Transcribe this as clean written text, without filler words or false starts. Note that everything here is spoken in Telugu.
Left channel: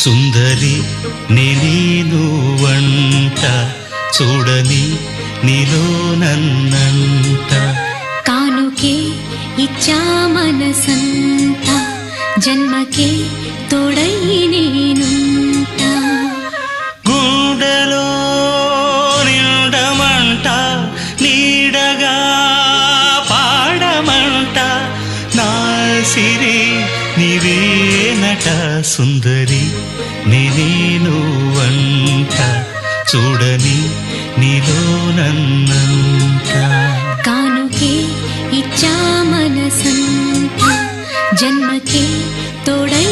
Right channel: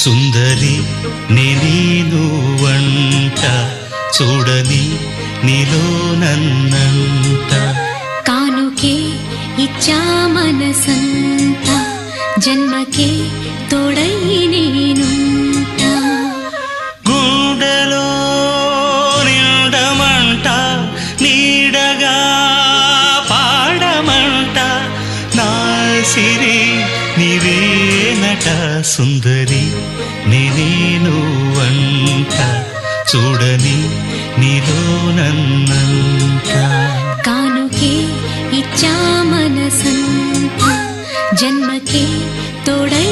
సుందరి నేను వంట చూడని నీలో నన్నంత కానుకే ఇచ్చా మనసంత జన్మకే తోడై నేనుంట గుండెలో నిండమంట నీడగా పాడమంట నా సిరి నీవేనట సుందరి నేను వంట చూడని నీలో నన్నంత కానుకే ఇచ్చా మనసంత జన్మకే తోడై